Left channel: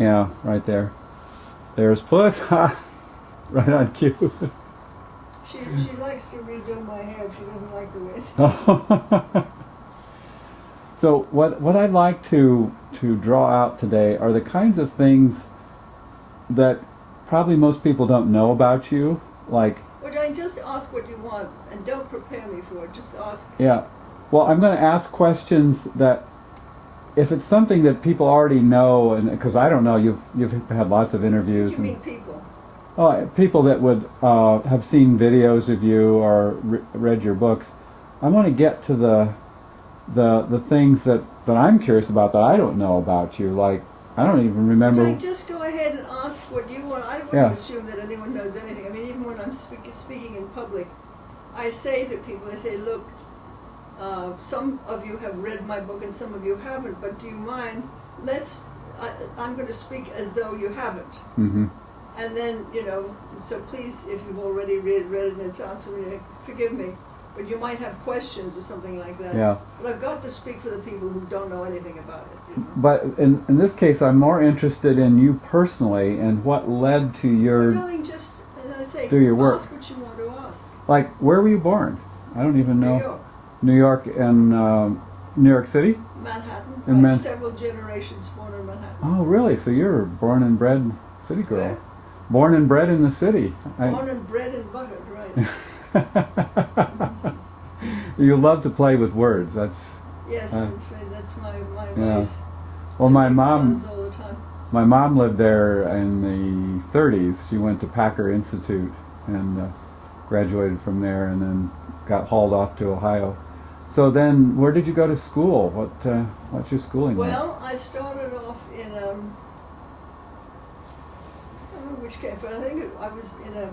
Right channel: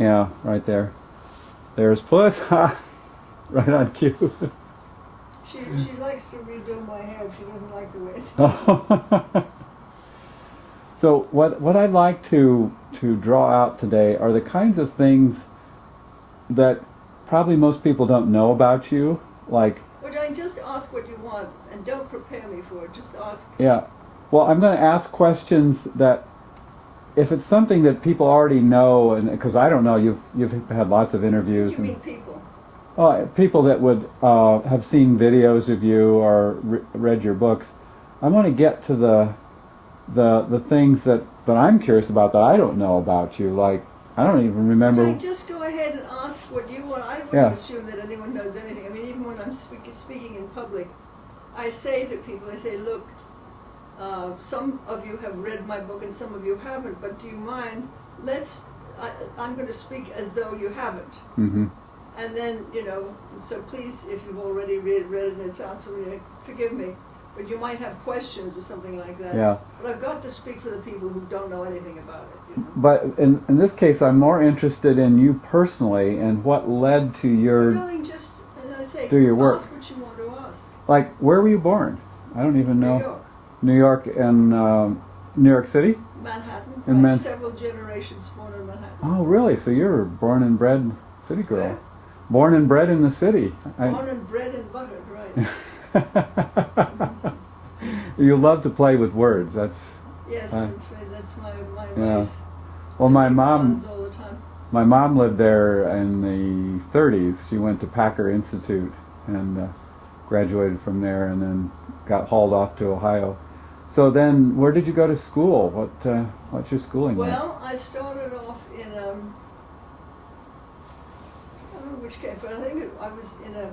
Yeah, right there. There's Puss. Ha! Right on cue. She likes to redo my hair. She doesn't like the way it's done. So what I'd like to draw out today are the kinds of things that probably most people don't know about you. Like, Would I just ask what you want and don't prepare me for it? Just ask. yeah. Well, I'm going to ask questions that, if it's something that people already know, and because I don't know, you've had lots of interviews. You mean people? People that would have seen videos of you or read your books. I want to get to the things that I'm curious about that I don't know about you. Like, I don't even remember. Would I just go ahead and ask what you want? I don't want to assume that anyone knows anything. I mean, even when I'm speaking in public, I say to people, I say, look, some of you have read my book and some of you haven't, but do you mind? I'm going to speak as though you haven't. Mm-hmm. And then, so please, if you've already read it and it sounds familiar, forgive me, but you might have questions or something like that. Yeah. But I've got to speak for the people who don't know anything about it. But in this case, I'm more interested in you personally and what led to your Just, as I say, do your work. Ask what you want to ask. Like, where were you born? I don't even know. New York. New York and New York City? Manhattan. In several generations born in Manhattan. Oh, really? So you're a born and bred city girl. Where? Born and bred in the city. Born and bred and buttered, right. You love to play with words. That's yes, I'm afraid that's my yeah. race. Well, my mom all the time. My mom lived there in the 30s. She went to Packer Institute and graduated from there, and then got hauled off to Ohio. So then, where did you go to school? What's your schooling like? Well, I started off in I don't know which came first. I think I was in a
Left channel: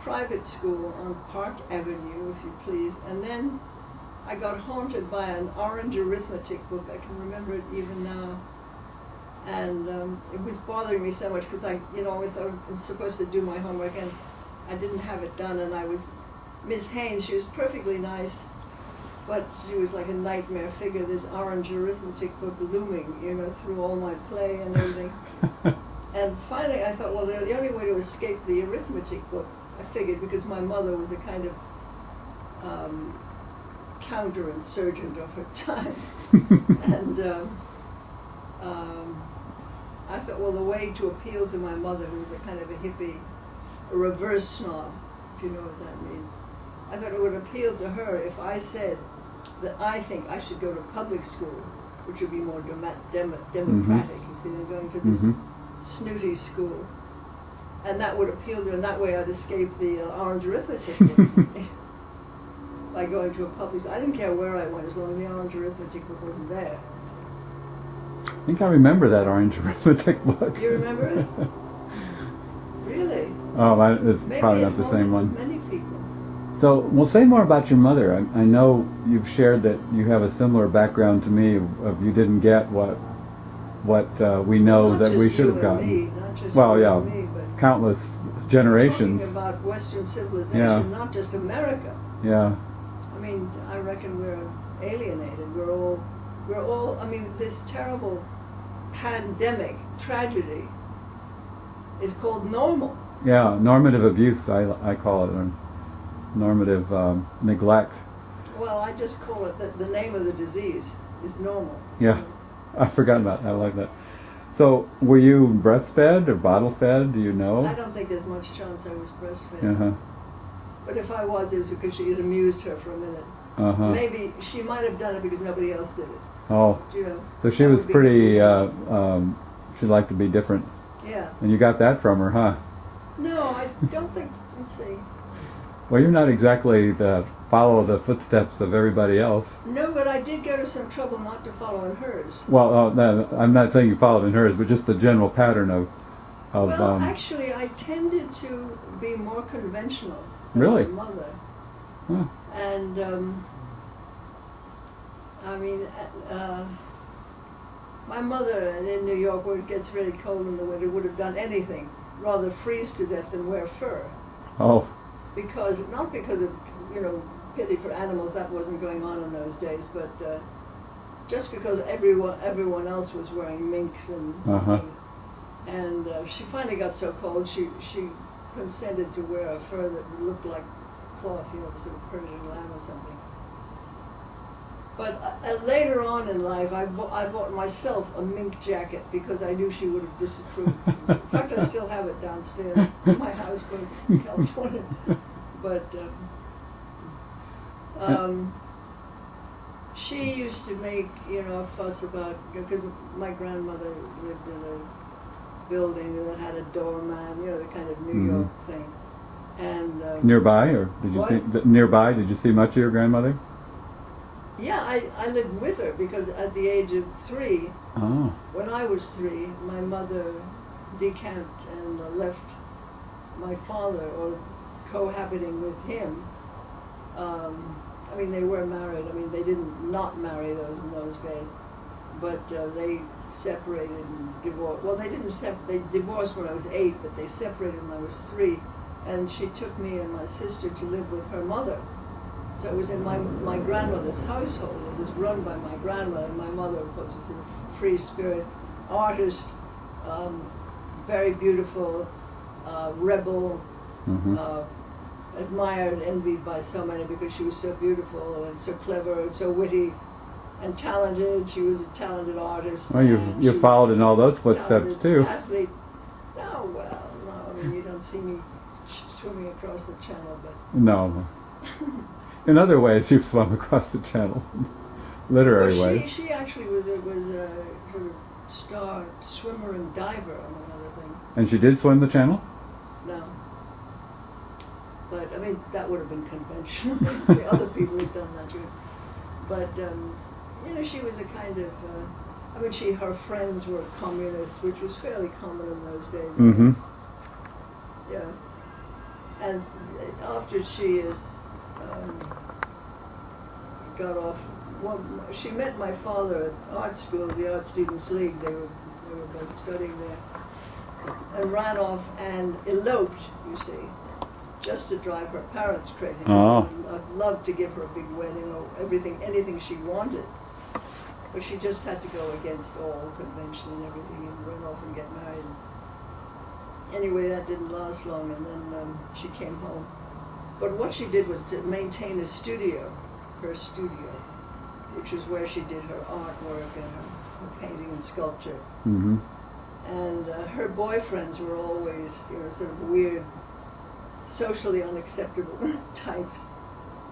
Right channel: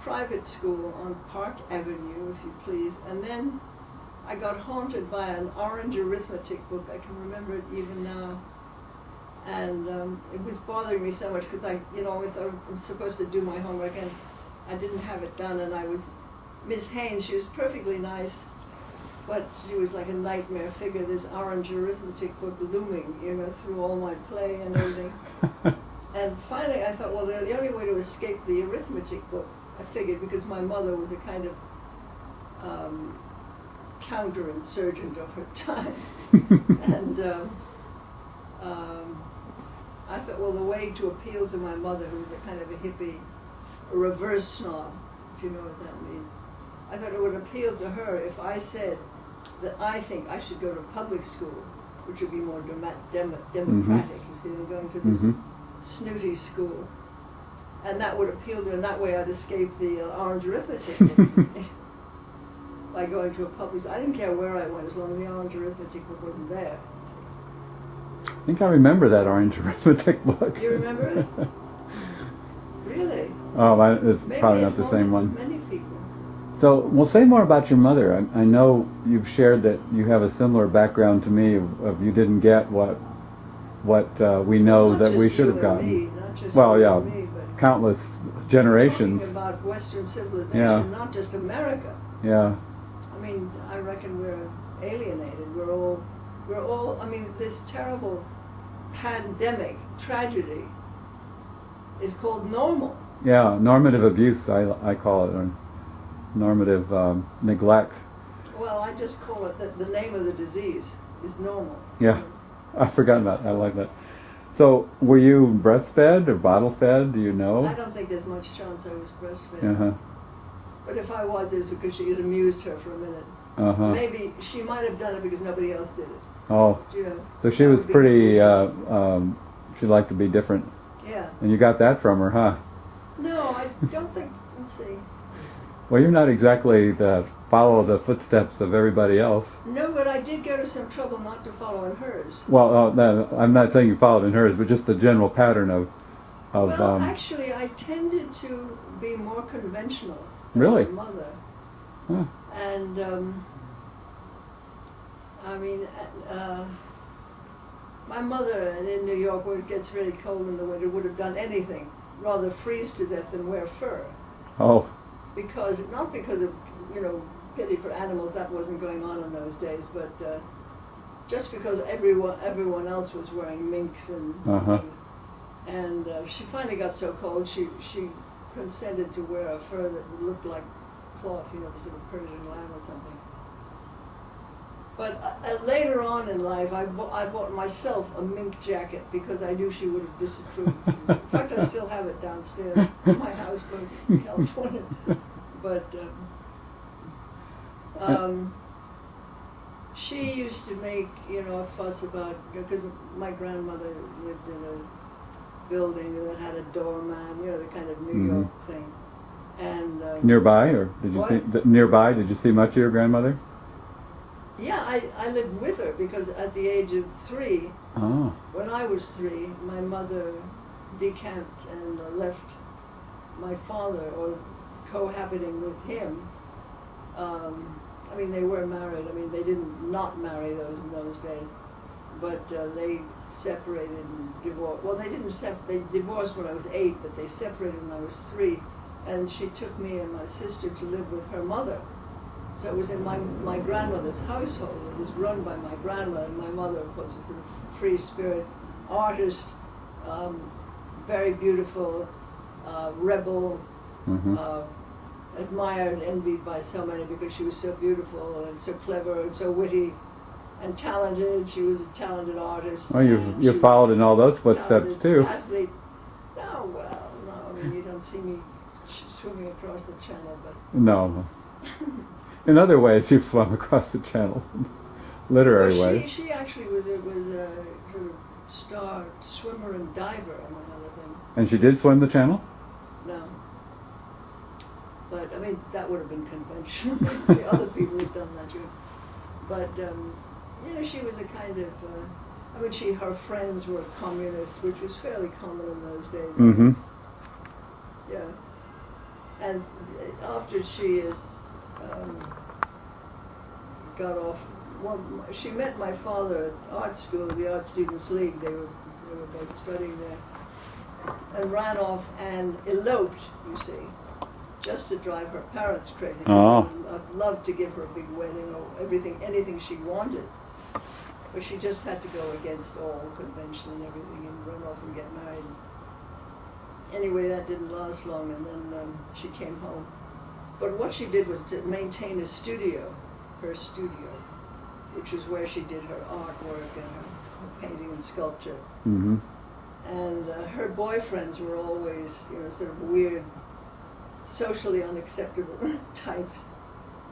private school on Park Avenue, if you please, and then I got haunted by an orange arithmetic book. I can remember it even now. And it was bothering me so much because I always thought I was supposed to do my homework, and I didn't have it done. And I was, Miss Haynes, she was perfectly nice, but she was like a nightmare figure, this orange arithmetic book looming, through all my play and everything. And finally I thought, well, the only way to escape the arithmetic book, I figured, because my mother was a kind of counterinsurgent of her time. And I thought, well, the way to appeal to my mother, who was a kind of a hippie, a reverse snob, if you know what that means, I thought it would appeal to her if I said that I think I should go to public school, which would be more democratic, you see, than going to this snooty school. And that would appeal to her, and that way I'd escape the orange arithmetic book, you see, by going to a public school. I didn't care where I went as long as the orange arithmetic book wasn't there. I think I remember that orange arithmetic book. You remember it? Really? Oh, it's Maybe probably not the same one. Many people. So, well, say more about your mother. I know you've shared that you have a similar background to me of you didn't get what we know Not that we just should you have and gotten. me, not just Well, you yeah, and me, but countless generations. talking about Western civilization, Yeah. not just America. Yeah. I mean, I reckon we're alienated. We're all. I mean, this terrible pandemic tragedy is called normal. Yeah, normative abuse, I call it, or normative neglect. Well, I just call it the name of the disease is normal. Yeah, I forgot about that. I like that. So, were you breastfed or bottle fed? Do you know? I don't think there's much chance I was breastfed. Uh-huh. But if I was, it was because it amused her for a minute. Uh-huh. Maybe she might have done it because nobody else did it. Oh. So she was pretty, she liked to be different. Yeah. And you got that from her, huh? No, I don't think, let's see. Well, you're not exactly follow the footsteps of everybody else. No, but I did go to some trouble not to follow in hers. Well, no, I'm not saying you followed in hers, but just the general pattern of well, actually, I tended to be more conventional than really? my mother. Huh. And, I mean, my mother in New York, where it gets really cold in the winter, would have done anything, rather freeze to death than wear fur. Oh. Not because of, pity for animals, that wasn't going on in those days, but just because everyone else was wearing minks Uh-huh. and she finally got so cold she consented to wear a fur that would look like cloth, you know, sort of Persian lamb or something. But later on in life, I bought myself a mink jacket because I knew she would have disapproved. In fact, I still have it downstairs in my house in California. But she used to make, you know, a fuss about, because my grandmother lived in a building that had a doorman, you know, the kind of New York thing. And Nearby, or did you see nearby? Did you see much of your grandmother? Yeah, I lived with her because at the age of 3, Oh. when I was 3, my mother decamped and left my father, or cohabiting with him. I mean, they were married. I mean, they didn't not marry in those days, but they separated and divorced. Well, they didn't they divorced when I was 8, but they separated when I was 3, and she took me and my sister to live with her mother. So it was in my grandmother's household. It was run by my grandmother. And my mother, of course, was a free spirit artist, very beautiful, rebel, admired and envied by so many because she was so beautiful and so clever and so witty and talented. She was a talented artist. Well, you followed in all those footsteps too. Athlete. No, well, no. I mean, you don't see me swimming across the channel, but No. In other ways, you've swum across the channel, literary ways. She actually was a sort of star swimmer and diver, among other things. And she did swim the channel? No. But, I mean, that would have been conventional. The other people had done that too. But, you know, she was a kind of, I mean, her friends were communists, which was fairly common in those days. Mm-hmm. Yeah. And after she had got off, well, she met my father at art school, the Art Students League. They were both studying there, and ran off and eloped, you see, just to drive her parents crazy. Oh. I'd love to give her a big wedding or anything she wanted, but she just had to go against all convention and everything and run off and get married. Anyway, that didn't last long, and then she came home. But what she did was to maintain a studio, her studio, which is where she did her artwork and her painting and sculpture. Mm-hmm. And her boyfriends were always, you know, sort of weird, socially unacceptable types.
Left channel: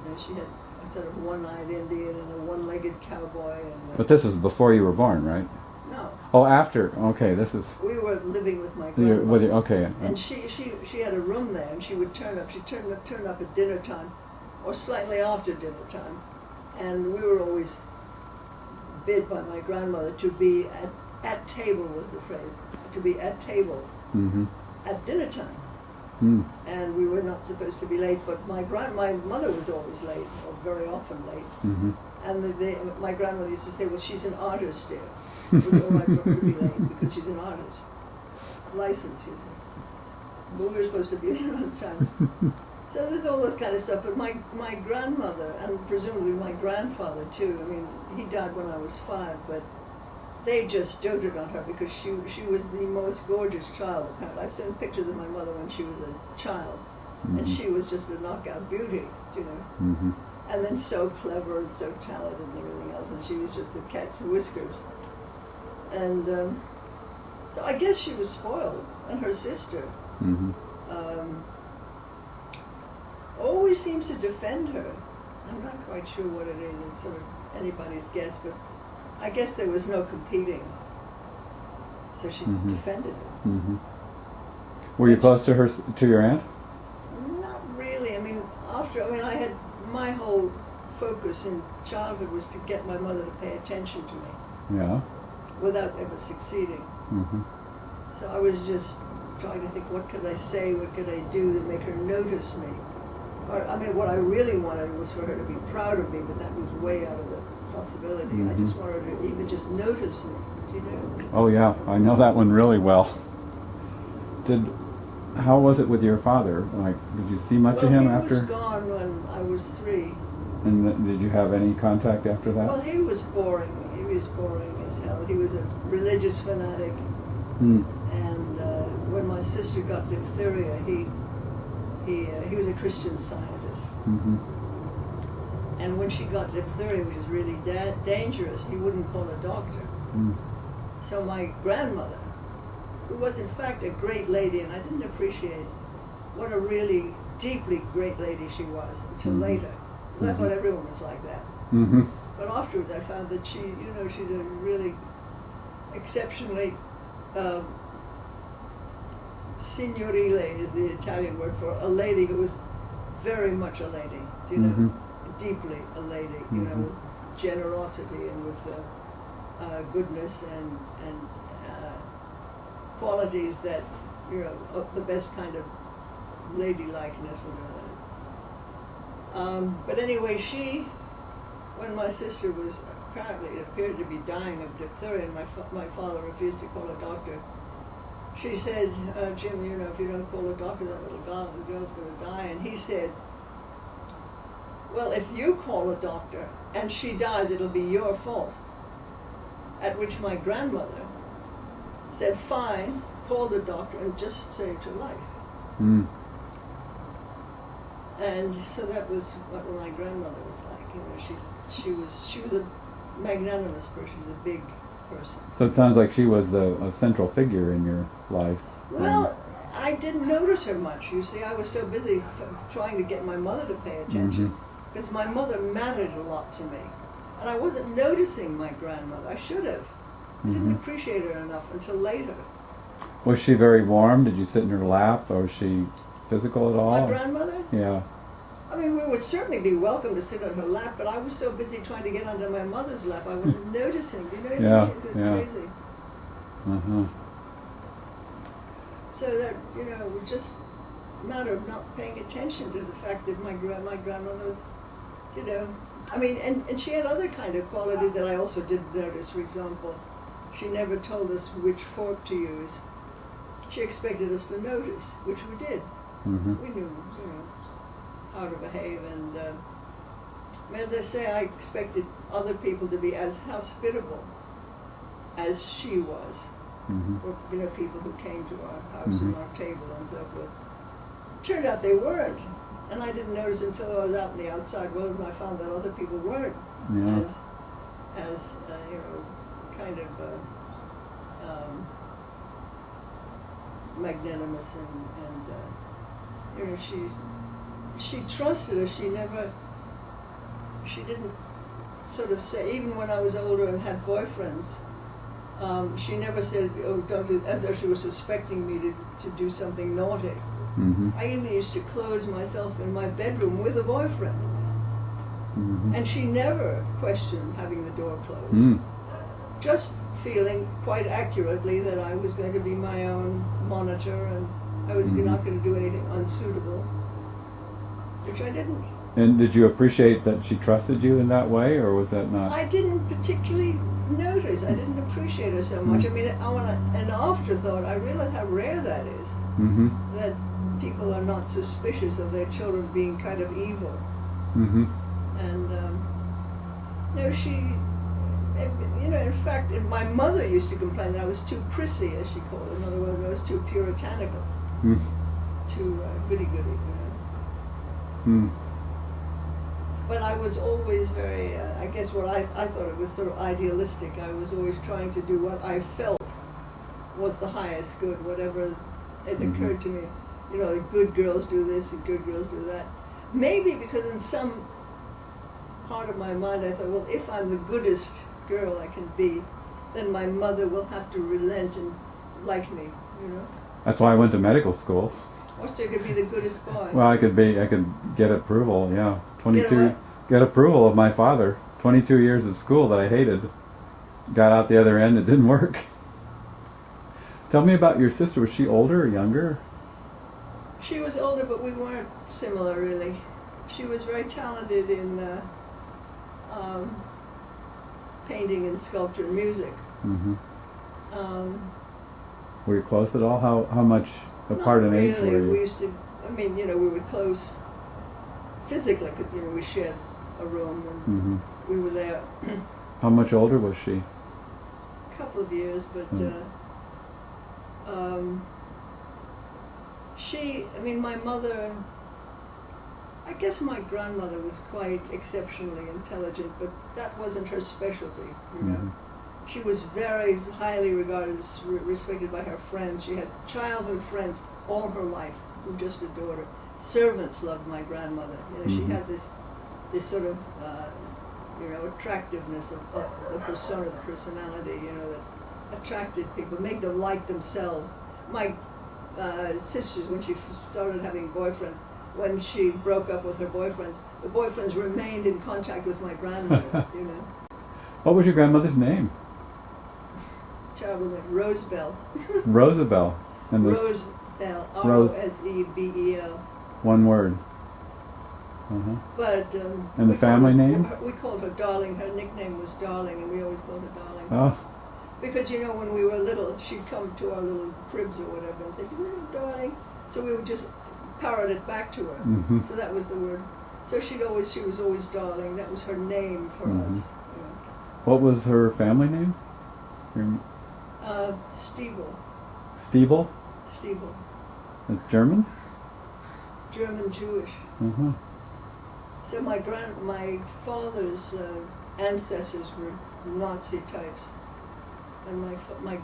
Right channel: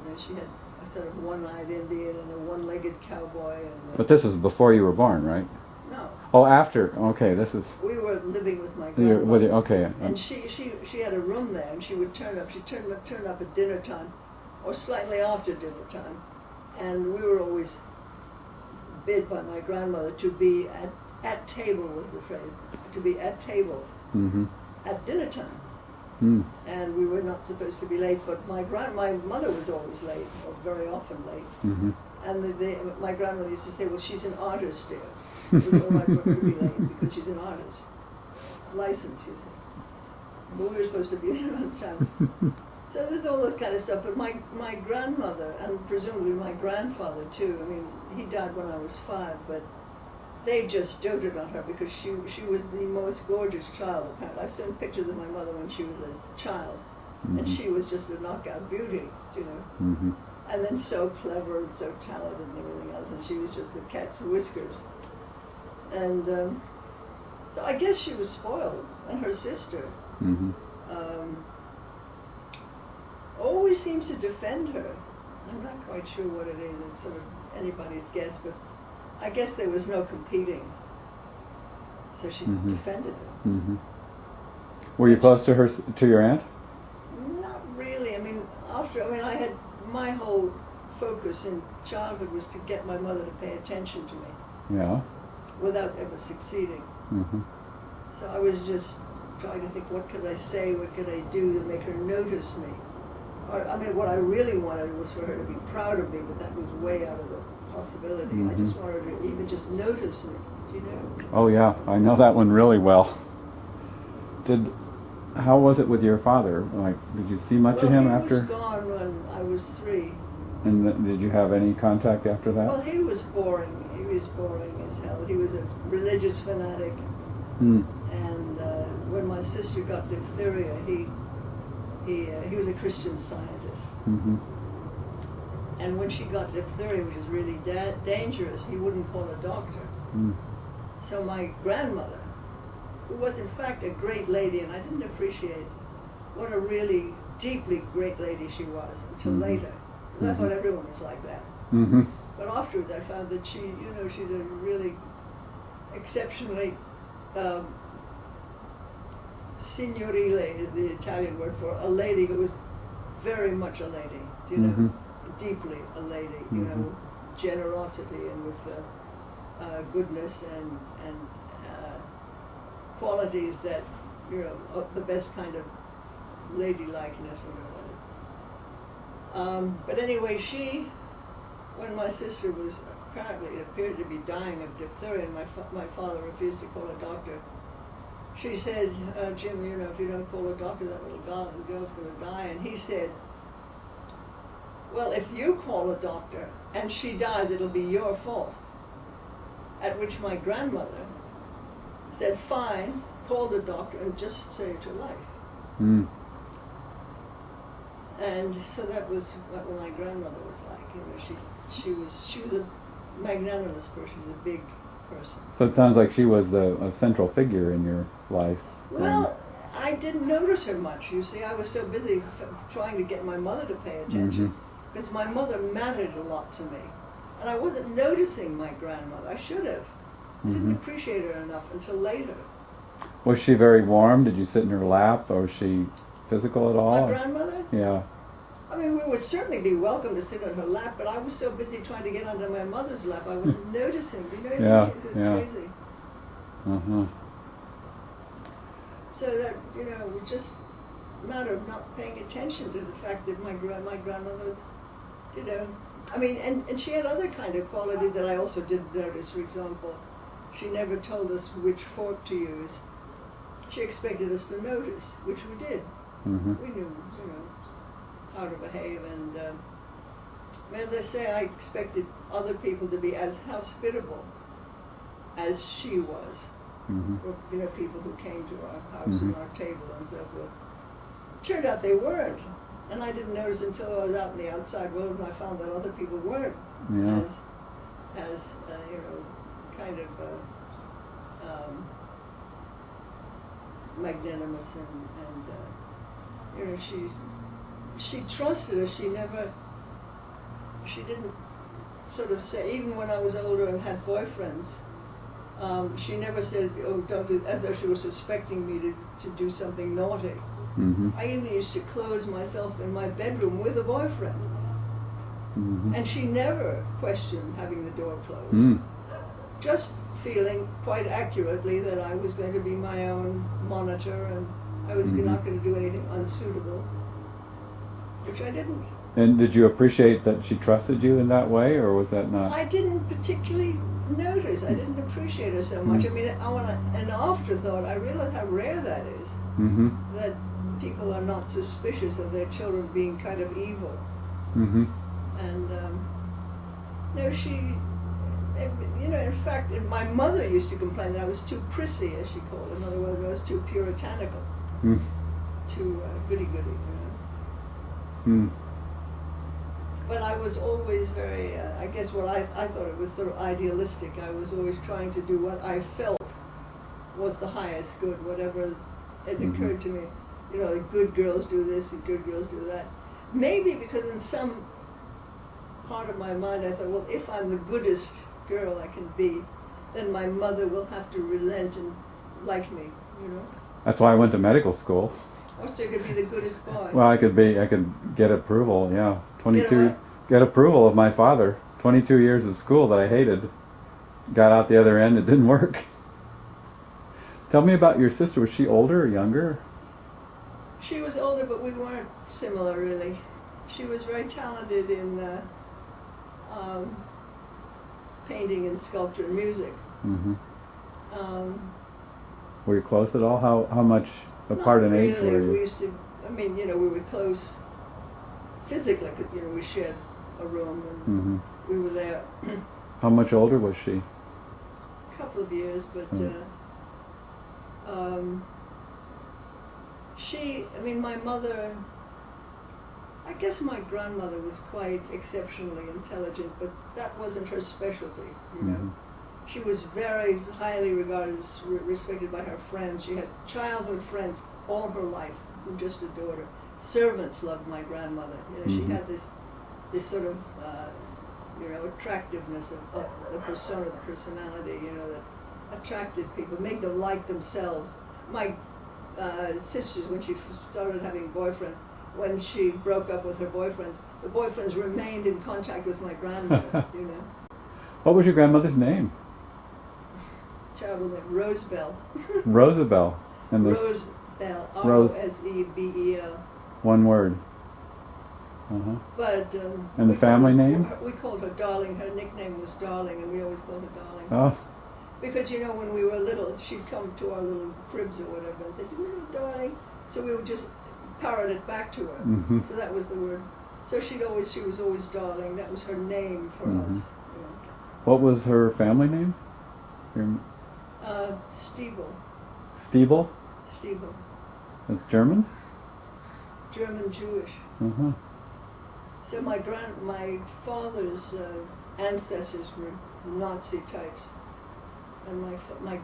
You know, she had a sort of one-eyed Indian and a one-legged cowboy. And But this was before you were born, right? no, Oh, after. Okay, this is. we were living with my grandmother. Okay. And she had a room there, and she would turn up at dinner time, or slightly after dinner time, and we were always bid by my grandmother to be at table, was the phrase, to be at table Mm-hmm. at dinner time. Mm. And we were not supposed to be late, but my mother was always late, or very often late. Mm-hmm. And my grandmother used to say, well, she's an artist, dear. It was all right for her to be late because she's an artist. Licensed, you see. But we were supposed to be there on time. So there's all this kind of stuff. But my grandmother, and presumably my grandfather too, I mean, he died when I was 5, but they just doted on her because she was the most gorgeous child, apparently. I've seen pictures of my mother when she was a child, and she was just a knockout beauty, you know. Mm-hmm. And then so clever and so talented and everything else, and she was just the cat's whiskers. And so I guess she was spoiled, and her sister Mm-hmm. always seems to defend her. I'm not quite sure what it is, it's sort of anybody's guess, but I guess there was no competing, so she defended her. Mm-hmm. Were you close to her, to your aunt? Not really. I mean, I had my whole focus in childhood was to get my mother to pay attention to me Yeah. without ever succeeding. Mm-hmm. So I was just trying to think, what could I say, what could I do to make her notice me? Or, I mean, what I really wanted was for her to be proud of me, but that was way out of the possibility. I just wanted her to even just notice me, you know? Oh yeah, I know that one really well. How was it with your father? Like, did you see much of him after? He was gone when I was 3. And did you have any contact after that? Well, he was boring. was boring as hell. He was a religious fanatic, Mm. and when my sister got diphtheria, he was a Christian Scientist. Mm-hmm. And when she got diphtheria, which is really dangerous, he wouldn't call a doctor. Mm. So my grandmother, who was in fact a great lady, and I didn't appreciate what a really deeply great lady she was until Mhm. later, because I Mhm. thought everyone was like that. Mm-hmm. But afterwards I found that she's a really exceptionally, signorile is the Italian word for a lady who was very much a lady, Mhm. deeply a lady, Mhm. with generosity and with goodness and qualities that, of the best kind of ladylikeness or whatever. But anyway, when my sister was apparently appeared to be dying of diphtheria, and my father refused to call a doctor, she said, Jim, if you don't call a doctor, that little girl's going to die. And he said, well, if you call a doctor and she dies, it'll be your fault. At which my grandmother said, fine, call the doctor and just saved her life. Mm. And so that was what my grandmother was like. She was a magnanimous person. She was a big person. So it sounds like she was a central figure in your life. Well, I didn't notice her much. You see, I was so busy trying to get my mother to pay attention, because my mother mattered a lot to me, and I wasn't noticing my grandmother. I should have. I didn't appreciate her enough until later. Was she very warm? Did you sit in her lap, or was she physical at all? My grandmother? Yeah. I mean, we would certainly be welcome to sit on her lap, but I was so busy trying to get onto my mother's lap, I wasn't noticing. Do you know what I mean? It's crazy. Uh-huh. So that, it was just a matter of not paying attention to the fact that my grandmother was, I mean, and she had other kind of qualities that I also didn't notice. For example, she never told us which fork to use. She expected us to notice, which we did. Mm-hmm. We knew, how to behave, and as I say, I expected other people to be as hospitable as she was, Mm-hmm. or people who came to our house and our table and so forth. It turned out they weren't, and I didn't notice until I was out in the outside world, and I found that other people weren't Yeah. as kind of magnanimous and she trusted us. She didn't sort of say, even when I was older and had boyfriends, she never said, oh, don't do, as though she was suspecting me to do something naughty. Mm-hmm. I even used to close myself in my bedroom with a boyfriend. Mm-hmm. And she never questioned having the door closed. Mm. Just feeling quite accurately that I was going to be my own monitor and I was not going to do anything unsuitable, which I didn't. And did you appreciate that she trusted you in that way, or was that not? I didn't particularly notice. I didn't appreciate her so much. I mean, an afterthought, I realized how rare that is, Mm-hmm. that people are not suspicious of their children being kind of evil. Mm-hmm. And, no, she, in fact, my mother used to complain that I was too prissy, as she called it. In other words, I was too puritanical, Mm. too goody-goody, Mm. But I was always very, I guess what I thought it was sort of idealistic. I was always trying to do what I felt was the highest good, whatever it occurred to me. The good girls do this and good girls do that. Maybe because in some part of my mind I thought, well, if I'm the goodest girl I can be, then my mother will have to relent and like me, That's why I went to medical school. Or so I could be the goodest boy. Well, I could get approval. Yeah, 22. Get what? Get approval of my father. 22 years of school that I hated. Got out the other end. It didn't work. Tell me about your sister. Was she older or younger? She was older, but we weren't similar, really. She was very talented in painting and sculpture and music. Mm-hmm. Um, Were you close at all? How much apart not in age really. were you? We used to, we were close physically, because, we shared a room and Mm-hmm. we were there. How much older was she? A couple of years, but my mother, I guess my grandmother was quite exceptionally intelligent, but that wasn't her specialty, you know. She was very highly regarded, respected by her friends. She had childhood friends all her life who just adored her. Servants loved my grandmother. You know, she had this sort of, attractiveness of the persona, the personality, you know, that attracted people, made them like themselves. My sisters, when she started having boyfriends, when she broke up with her boyfriends, the boyfriends remained in contact with my grandmother, you know. What was your grandmother's name? Terrible name, Rosebell. Rosabelle. And Rosebell, Rosebel. One word. But and the family name? We called her Darling. Her nickname was Darling, and we always called her Darling. Oh. Because, you know, when we were little, she'd come to our little cribs or whatever and say, "Do you know Darling?" So we would just parrot it back to her. So that was the word. So she was always Darling. That was her name for us. You know. What was her family name? Stiebel. Stiebel? Stiebel. That's German? German Jewish. So my father's ancestors were Nazi types, and my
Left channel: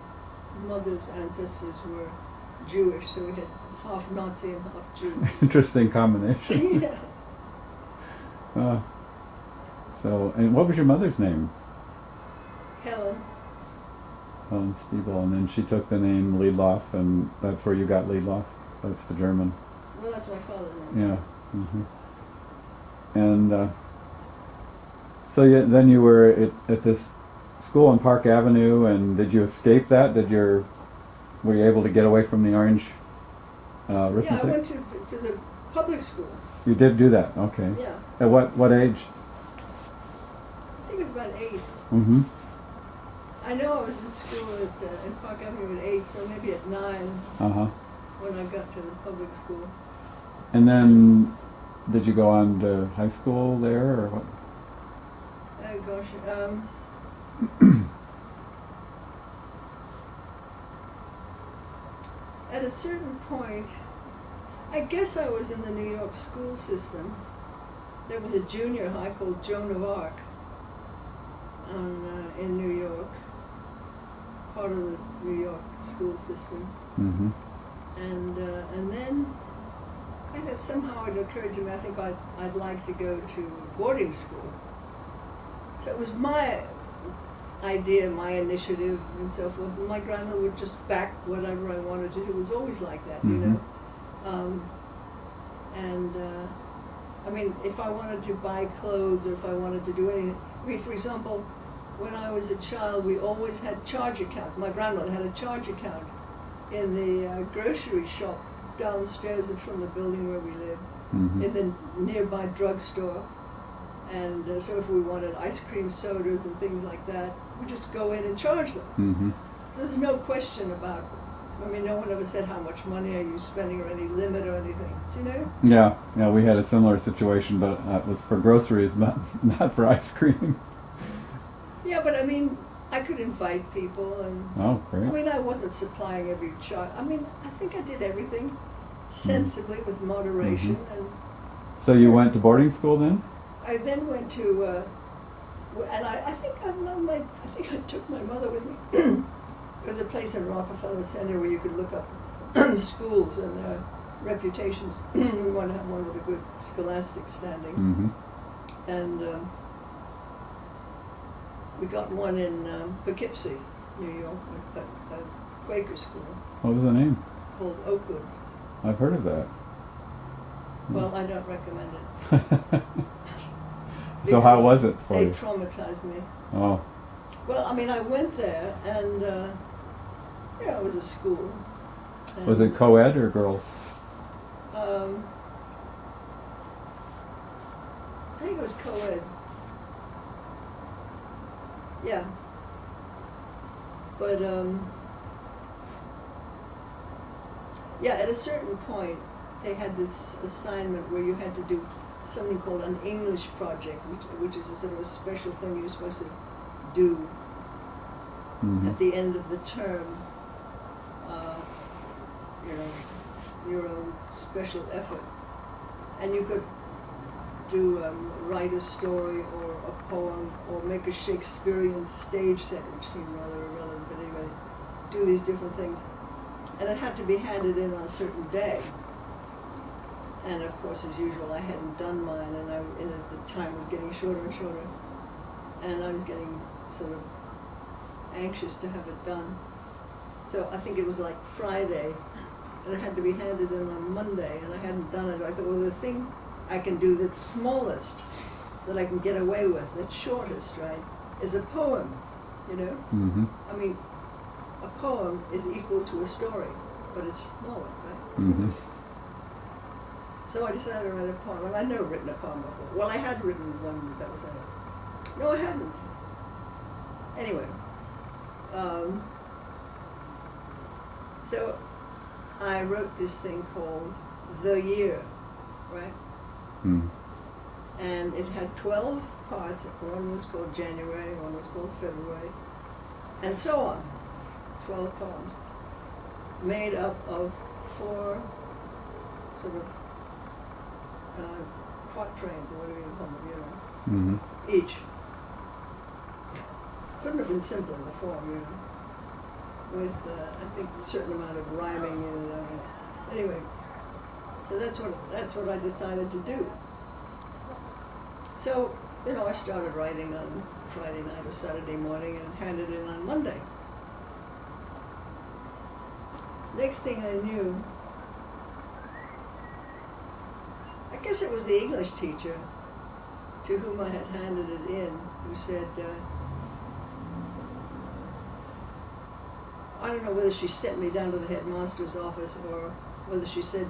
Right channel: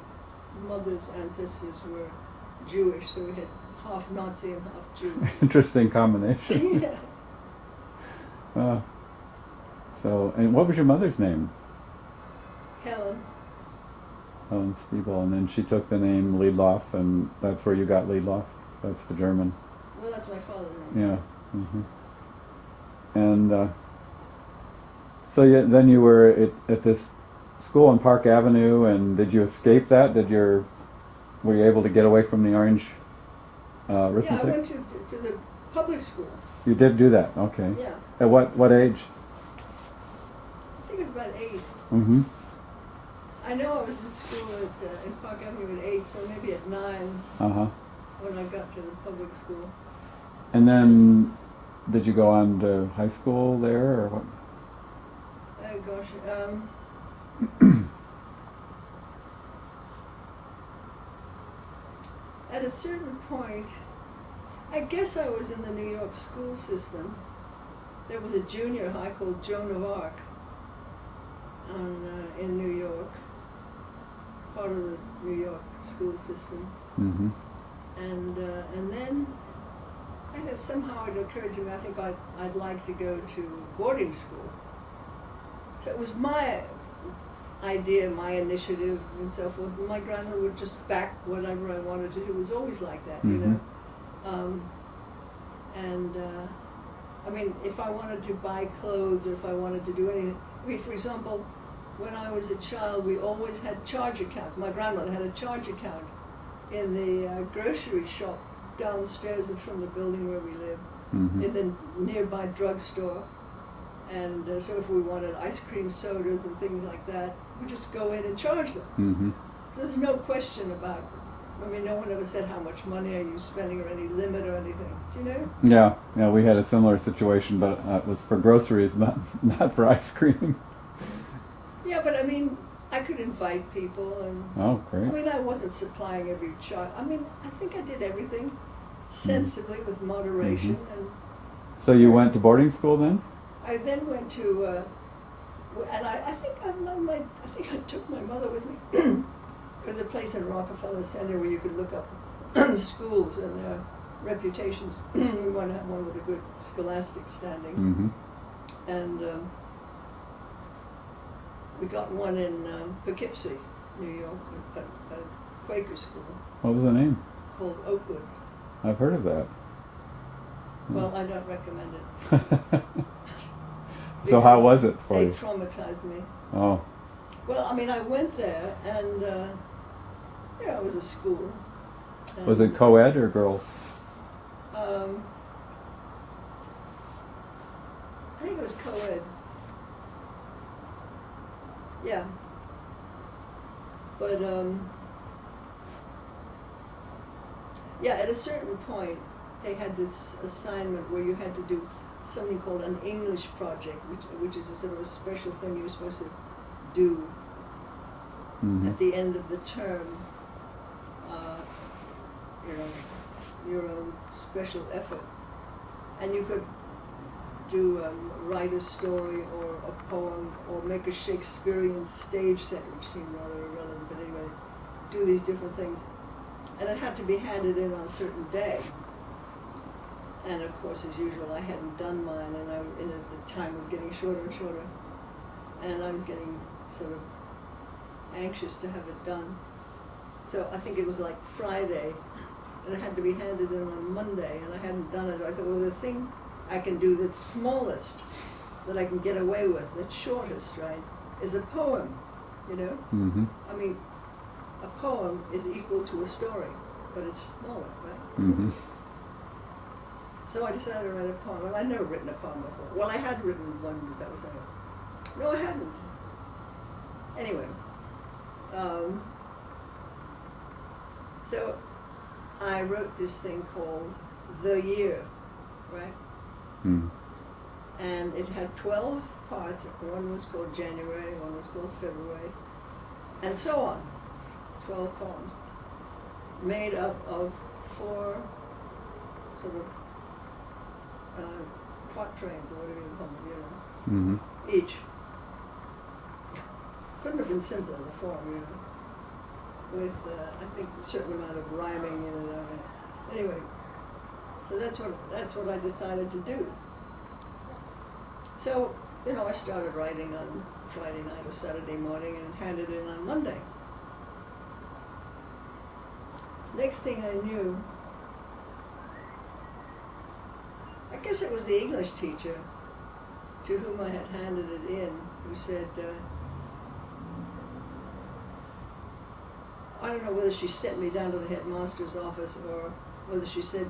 mother's ancestors were Jewish. So we had half Nazi and half Jew. Interesting combination. Yeah. And what was your mother's name? Helen. Helen Stiebel, and then she took the name Liedloff, and that's where you got Liedloff. That's the German. Well, that's my father's name. Yeah. And then you were at this school on Park Avenue, and did you escape that? Were you able to get away from the orange arithmetic? Yeah, I went to the public school. You did do that, okay. Yeah. At what age? I think it was about 8. I know I was in school in Park Avenue at 8, so maybe at 9 when I got to the public school. And then, did you go on to high school there, or what? Oh gosh, at a certain point, I guess I was in the New York school system. There was a junior high called Joan of Arc in New York, part of the New York school system. And then somehow it occurred to me, I think I'd like to go to boarding school. So it was my idea, my initiative, and so forth. And my grandmother would just back whatever I wanted to do. It was always like that, you know. I mean, if I wanted to buy clothes or if I wanted to do anything, I mean, for example, when I was a child, we always had charge accounts. My grandmother had a charge account in the grocery shop downstairs from the building where we lived, in the nearby drugstore. And so if we wanted ice cream sodas and things like that, we just go in and charge them. So there's no question about it. I mean, no one ever said how much money are you spending or any limit or anything. Do you know? Yeah, we had a similar situation, but it was for groceries, not for ice cream. Yeah, but I mean, I could invite people, and oh, great. I mean, I wasn't supplying every child. I mean, I think I did everything sensibly with moderation. And so you went to boarding school then? I then went to, and I think I took my mother with me. There's a place in Rockefeller Center where you could look up schools and their reputations. We want to have one with a good scholastic standing. And we got one in Poughkeepsie, New York, a Quaker school. What was the name? Called Oakwood. I've heard of that. Well, I don't recommend it. So how was it for you? They traumatized me. Oh. Well, I mean, I went there, and it was a school. Was it co-ed or girls? I think it was co-ed. Yeah. But, at a certain point, they had this assignment where you had to do something called an English project, which is a sort of a special thing. You're supposed to do Mm-hmm. at the end of the term, you know, your own special effort. And you could do write a story or a poem or make a Shakespearean stage set, which seemed rather irrelevant, but anyway, do these different things. And it had to be handed in on a certain day. And of course, as usual, I hadn't done mine, and at the time was getting shorter and shorter. And I was getting sort of anxious to have it done. So I think it was like Friday, and it had to be handed in on Monday, and I hadn't done it. I thought, well, the thing I can do that's smallest, that I can get away with, that's shortest, right, is a poem, you know? Mm-hmm. I mean, a poem is equal to a story, but it's smaller, right? Mm-hmm. So I decided to write a poem, and I'd never written a poem before. Well, I had written one that was like, no, I hadn't. Anyway, so I wrote this thing called The Year, right? Mm. And it had 12 parts. One was called January, one was called February, and so on. 12 poems, made up of 4 sort of quatrains, or whatever you call them, you know, Mm-hmm. each. Couldn't have been simpler, the form, you know, with, I think, a certain amount of rhyming in it. I mean, anyway, so that's what I decided to do. So, you know, I started writing on Friday night or Saturday morning and handed it in on Monday. Next thing I knew, I guess it was the English teacher to whom I had handed it in, who said, I don't know whether she sent me down to the headmaster's office or whether she said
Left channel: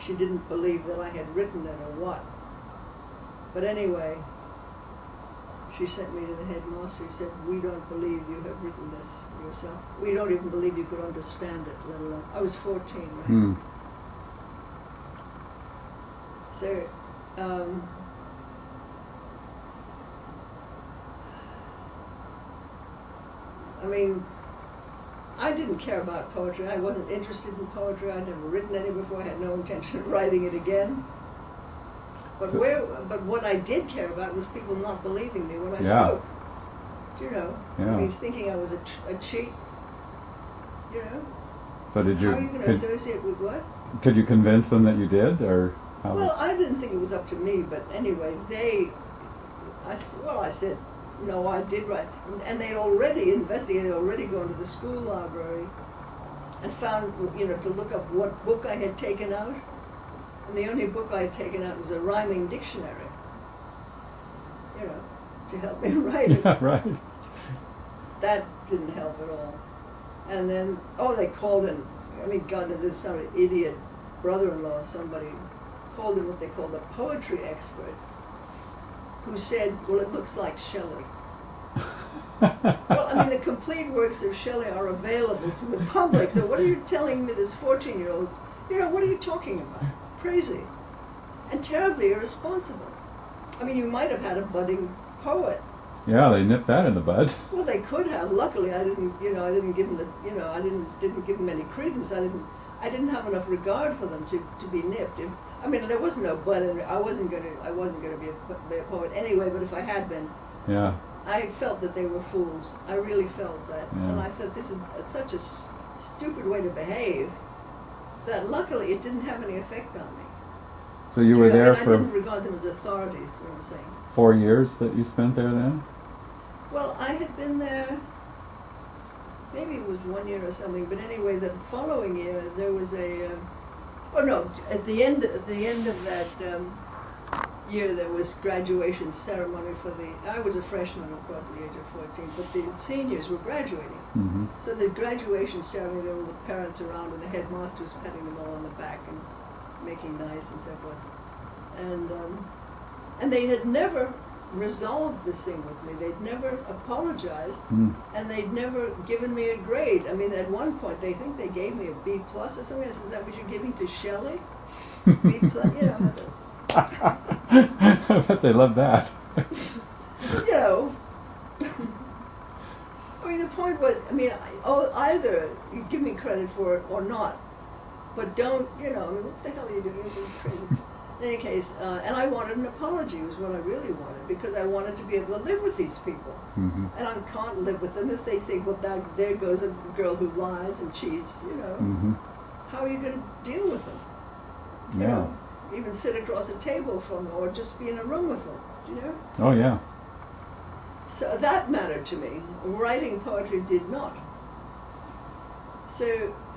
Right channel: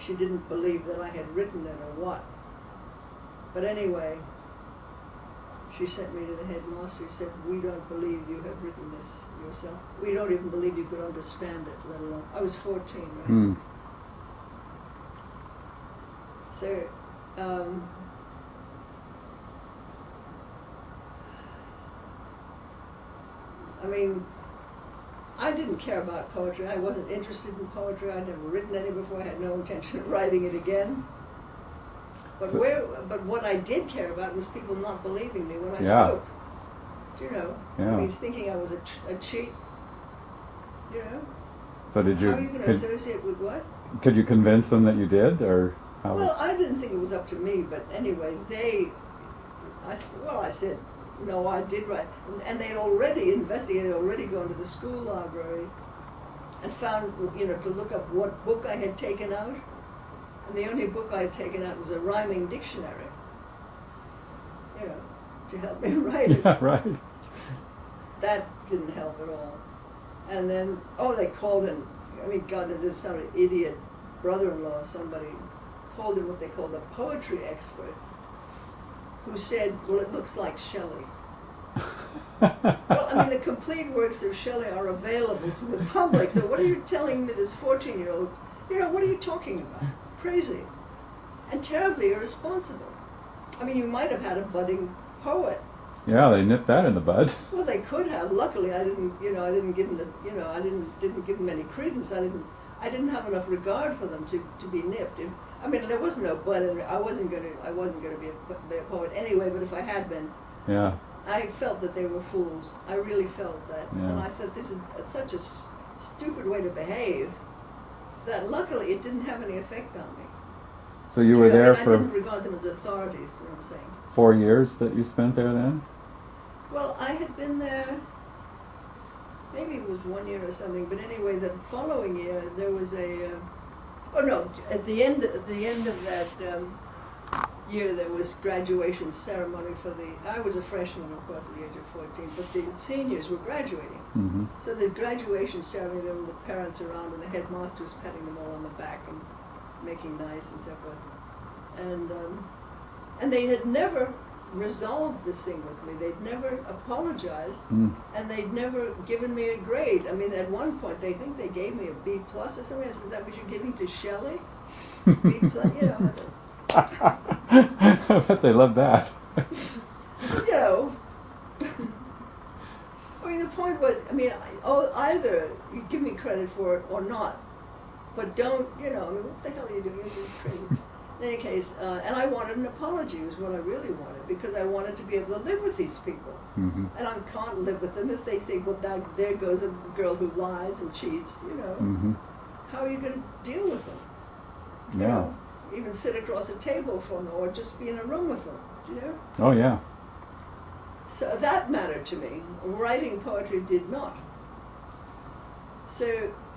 she didn't believe that I had written it or what. But anyway, she sent me to the headmaster. He said, we don't believe you have written this yourself. We don't even believe you could understand it, let alone. I was 14, right? Mm. So, I mean, I didn't care about poetry. I wasn't interested in poetry. I'd never written any before. I had no intention of writing it again. But but what I did care about was people not believing me when I spoke. You know, Yeah. I mean, thinking I was a cheat. You know, So did you? how are you going to associate with what? Could you convince them that you did, or how? Well, I didn't think it was up to me, but anyway, I said, no, I did write. And they'd already investigated, already gone to the school library and found, you know, to look up what book I had taken out. And the only book I had taken out was a rhyming dictionary, you know, to help me write it. Yeah, right. That didn't help at all. And then, they called in, I mean, God, there's some idiot brother-in-law, somebody called in what they called a poetry expert, who said, well, it looks like Shelley. Well, I mean, the complete works of Shelley are available to the public, so what are you telling me, this 14-year-old, you know, what are you talking about? Crazy. And terribly irresponsible. I mean, you might have had a budding poet. Yeah, they nipped that in the bud. Well, they could have. Luckily, I didn't give them I didn't give them any credence. I didn't have enough regard for them to be nipped. I mean, there was no but, and I wasn't going to be a poet anyway. But if I had been, Yeah. I felt that they were fools. I really felt that, Yeah. and I thought this is such a stupid way to behave. That luckily it didn't have any effect on me. So you were there I for didn't regard them as authorities. What I'm saying. 4 years that you spent there then? Well, I had been there, maybe it was 1 year or something, but anyway, the following year there was at the end of that year there was graduation ceremony I was a freshman, of course, at the age of 14, but the seniors were graduating. Mm-hmm. So the graduation ceremony, there were the parents around and the headmaster was patting them all on the back and making nice and so forth. And they had never resolved this thing with me. They'd never apologized, and they'd never given me a grade. I mean, at one point, they think they gave me a B plus or something. I said, is that what you're giving to Shelley? B plus, you know. I bet they loved that. You know, point was, I mean, either you give me credit for it or not, but don't, I mean, what the hell are you doing? You're just crazy. In any case, and I wanted an apology was what I really wanted, because I wanted to be able to live with these people. Mm-hmm. And I can't live with them if they say, well, there goes a girl who lies and cheats, Mm-hmm. How are you going to deal with them? You Yeah. know, even sit across a table from them or just be in a room with them, Oh, yeah. So that mattered to me. Writing poetry did not. So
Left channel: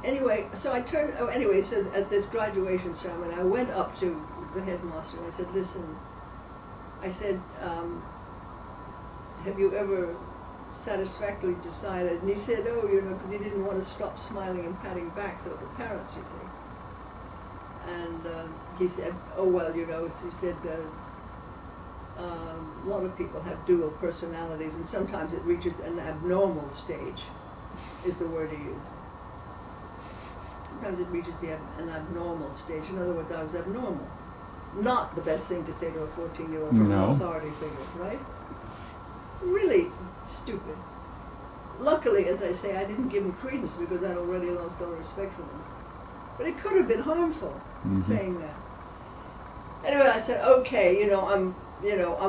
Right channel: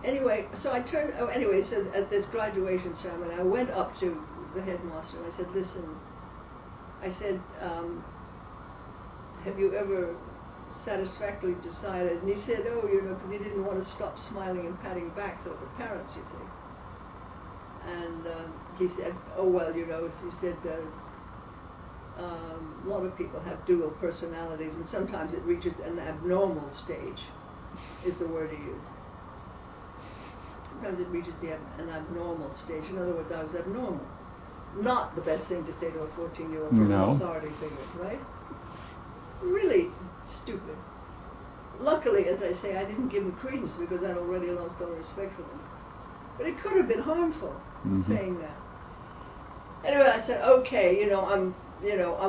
anyway, so at this graduation ceremony, I went up to the headmaster and I said, listen, have you ever satisfactorily decided? And he said, oh, because he didn't want to stop smiling and patting backs over parents, you see. And he said, oh, well, he said, a lot of people have dual personalities, and sometimes it reaches an abnormal stage, is the word he used. Sometimes it reaches an abnormal stage. In other words, I was abnormal. Not the best thing to say to a 14-year-old from No. an authority figure, right? Really stupid. Luckily, as I say, I didn't give him credence because I'd already lost all respect for them. But it could have been harmful, Mm-hmm. saying that. Anyway, I said, okay, I'm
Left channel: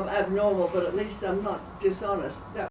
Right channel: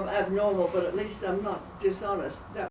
abnormal, but at least I'm not dishonest. That